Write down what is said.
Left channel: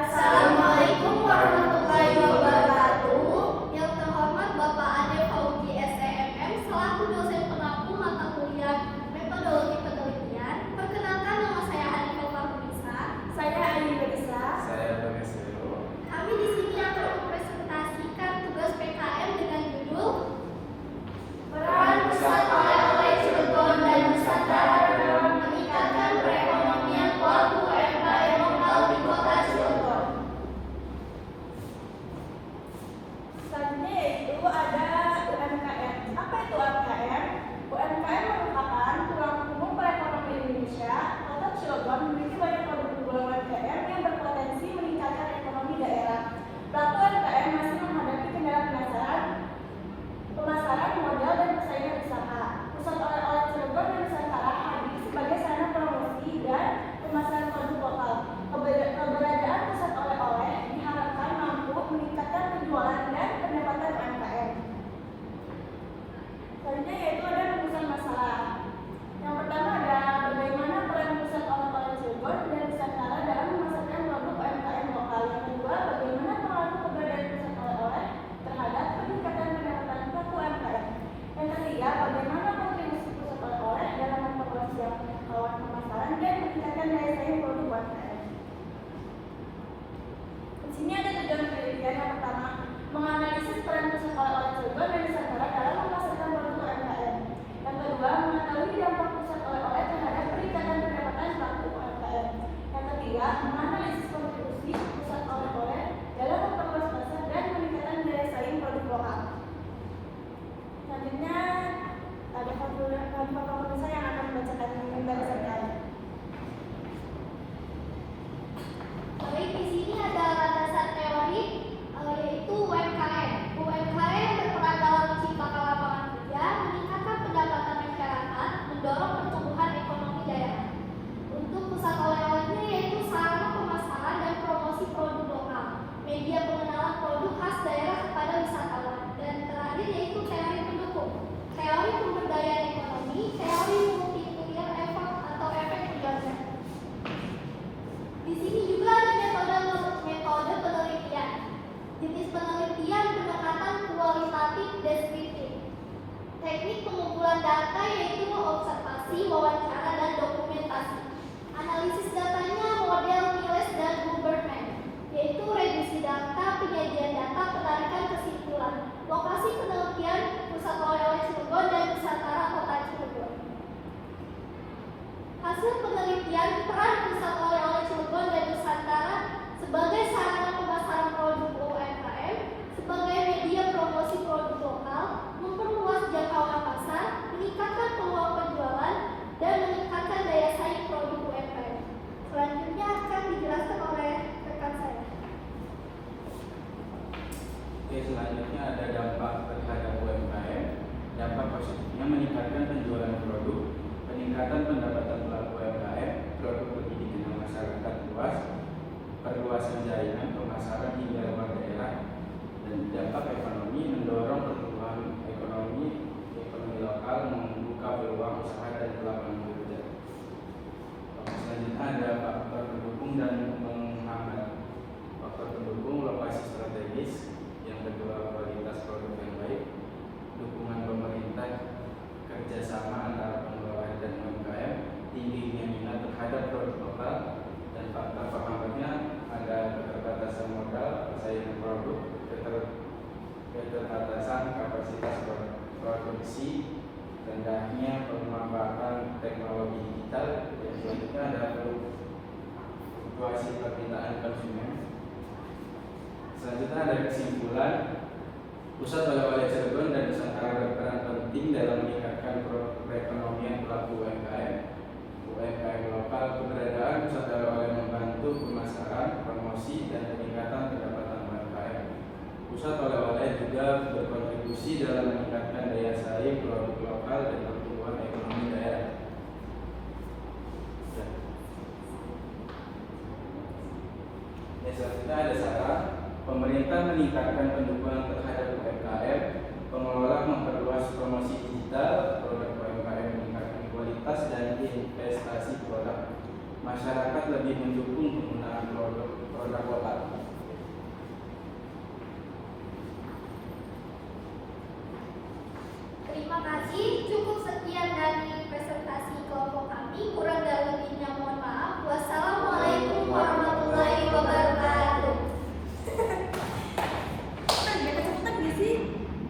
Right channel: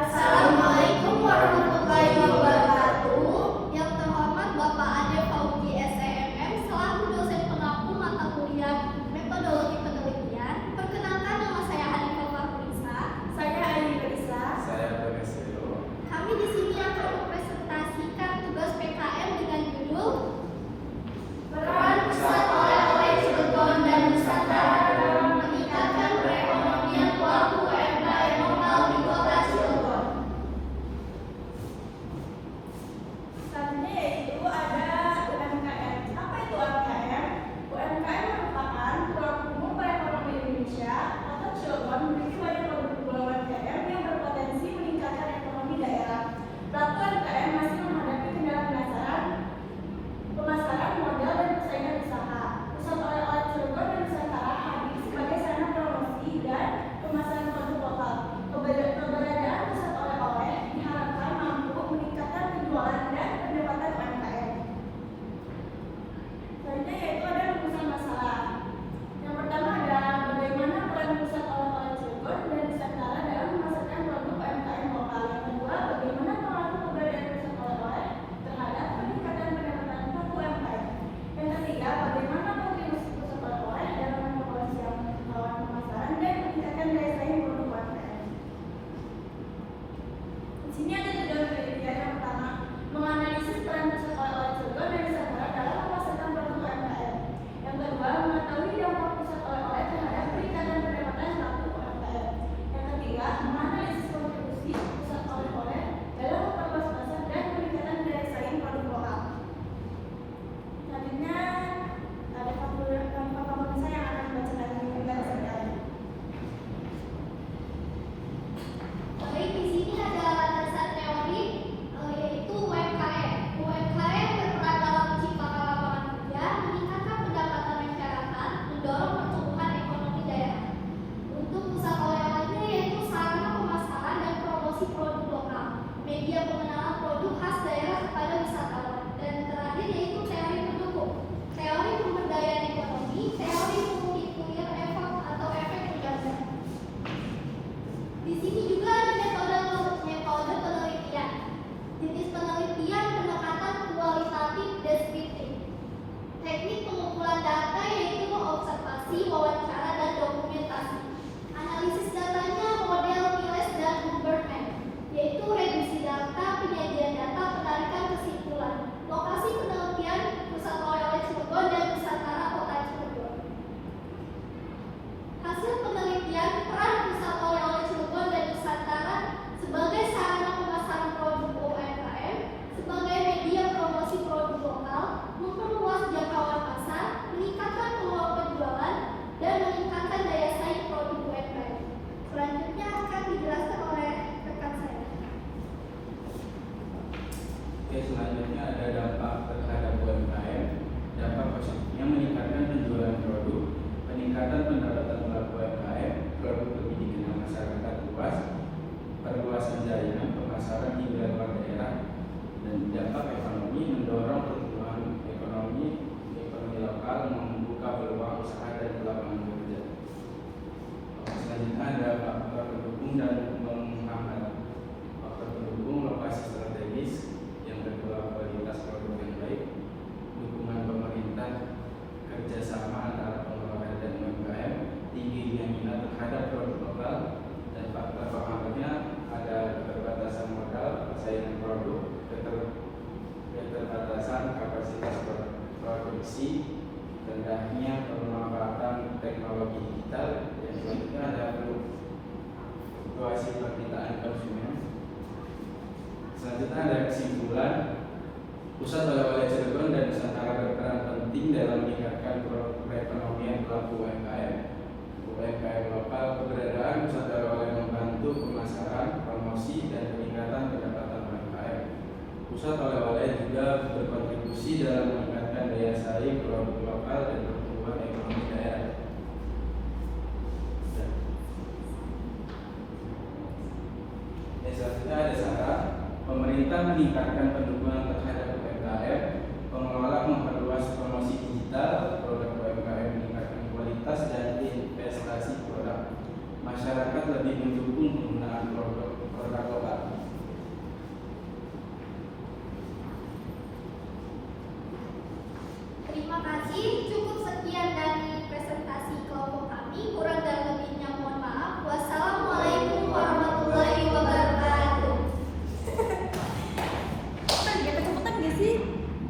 Assalamualaikum warahmatullahi wabarakatuh. Yang terhormat Bapak Ade Fauzi SEMM selaku dosen pengampu mata kuliah metodologi penelitian. Perkenalkan, nama saya Anifah Farulisa. Saya Ayu Isla. Saya Benesiro. Kami di sini akan mempresentasikan tugas PKM dengan judul Peran Pusat Oleh-oleh Cilegon dan Nusantara dalam meningkatkan perekonomian pelaku UMKM lokal di Kota Cilegon. Selanjutnya yaitu ada UMKM. Apa itu UMKM? UMKM merupakan tulang punggung perekonomian Indonesia. Kota Cilegon memiliki banyak produk UMKM yang berpotensi meningkatkan ekonomi daerah. Pelaku UMKM masih menghadapi kendala pemasaran modal dan persaingan usaha. Pusat oleh-oleh Cilegon dan Nusantara hadir sebagai sarana promosi dan pemasaran produk lokal. Keberadaan pusat oleh-oleh diharapkan mampu meningkatkan penjualan dan pendapatan UMKM. Selanjutnya yaitu ada rumusan masalah. Yang pertama ada bagaimana peran pusat oleh-oleh Cilegon dan Nusantara dalam memasarkan produk UMKM lokal. Yang kedua, bagaimana pengaruh keberadaan pusat oleh-oleh terhadap peningkatan pendapatan pelaku UMKM. Yang ketiga, bagaimana kontribusi pusat oleh-oleh dalam mempromosi jangkauan pemasaran dan meningkatkan daya saing produk UMKM. Di sini ada tujuan penelitian. Yang pertama, menganalisis peran pusat oleh-oleh Cilegon dan Nusantara dalam memasarkan produk UMKM. Yang kedua, mengetahui dampak pusat oleh-oleh terhadap peningkatan pendapatan pelaku UMKM. Yang ketiga, menganalisis kontribusi pusat oleh-oleh dalam memperluas pasar dan meningkatkan daya saing produk lokal. Selanjutnya ada Pak saya yang akan membacakan pembahasan kali. Baik, di sini ada landasan teori yaitu UMKM. UMKM berperan dalam menciptakan lapangan kerja, meningkatkan pendapatan masyarakat, mendorong pertumbuhan ekonomi daerah. Untuk pusat oleh-olehnya yaitu sarana pemasaran dan promosi produk lokal, media pengenalan produk khas daerah kepada wisatawan, dan terakhir yaitu teori pendukung, teori pemberdayaan ekonomi, teori multiplier effect atau efek pengganda. Di sini juga ada metode penelitian. Jenis penelitian pendekatan kualitatif deskriptif. Teknik pengumpulan data yaitu observasi, wawancara, dan dokumentasi. Analisis datanya model Miles dan Huberman, yaitu reduksi data, penyajian data, penarikan kesimpulan. Lokasi penelitian Pusat Oleh-oleh Cilegon dan Nusantara Kota Cilegon. Hasil penelitian peran Pusat Oleh-oleh Cilegon dan Nusantara sebagai sarana pemasaran produk UMKM, sebagai media promosi produk lokal, memperluas jangkauan pasar, meningkatkan peluang penjualan, dan meningkatkan daya saing produk UMKM. Selanjutnya akan dijelaskan oleh rekan saya. Oke, selanjutnya ada dampak terhadap UMKM. Dampak positifnya meningkatkan penjualan produk, peningkatan pendapatan pelaku UMKM, produk pendidikan masyarakat luas, perluasan jaringan pemasaran hingga luar daerah, dan dampak ekonomi mendorong pertumbuhan ekonomi lokal, membuka peluang usaha dan lapangan kerja. Selanjutnya ada faktor pendukung dan menghambat. Faktor pendukung lokasi strategis, yang kedua kualitas produk yang baik, dukungan pemerintah, kerjasama antara pengelola dan UMKM, tingginya minat terhadap produk lokal, dan faktor penghambatnya ada keterbatasan modal, persaingan produk, keterbatasan kapasitas produksi, rendahnya pemanfaatan teknologi digital, dan selanjutnya ada fluktuasi permintaan konsumen. Selanjutnya ada kesimpulan. Pusat oleh-oleh Cilegon dan Nusantara berperan penting dalam meningkatkan perekonomian pelaku UMKM. UMKM lokal, keberadaan pusat oleh-oleh membantu pemasaran, promosi, dan peningkatan pendapatan UMKM. Pusat oleh-oleh juga berkontribusi dalam meningkatkan daya saing produk lokal dan pertumbuhan ekonomi daerah. Selanjutnya ada saran. Pemerintah meningkatkan pendukungan terhadap UMKM, pengelola memperluas promosi digital, produk UMKM meningkatkan kualitas dan investasi produk. Masyarakat lebih mendukung penggunaan produk lokal. kasih. Cukup sekian dari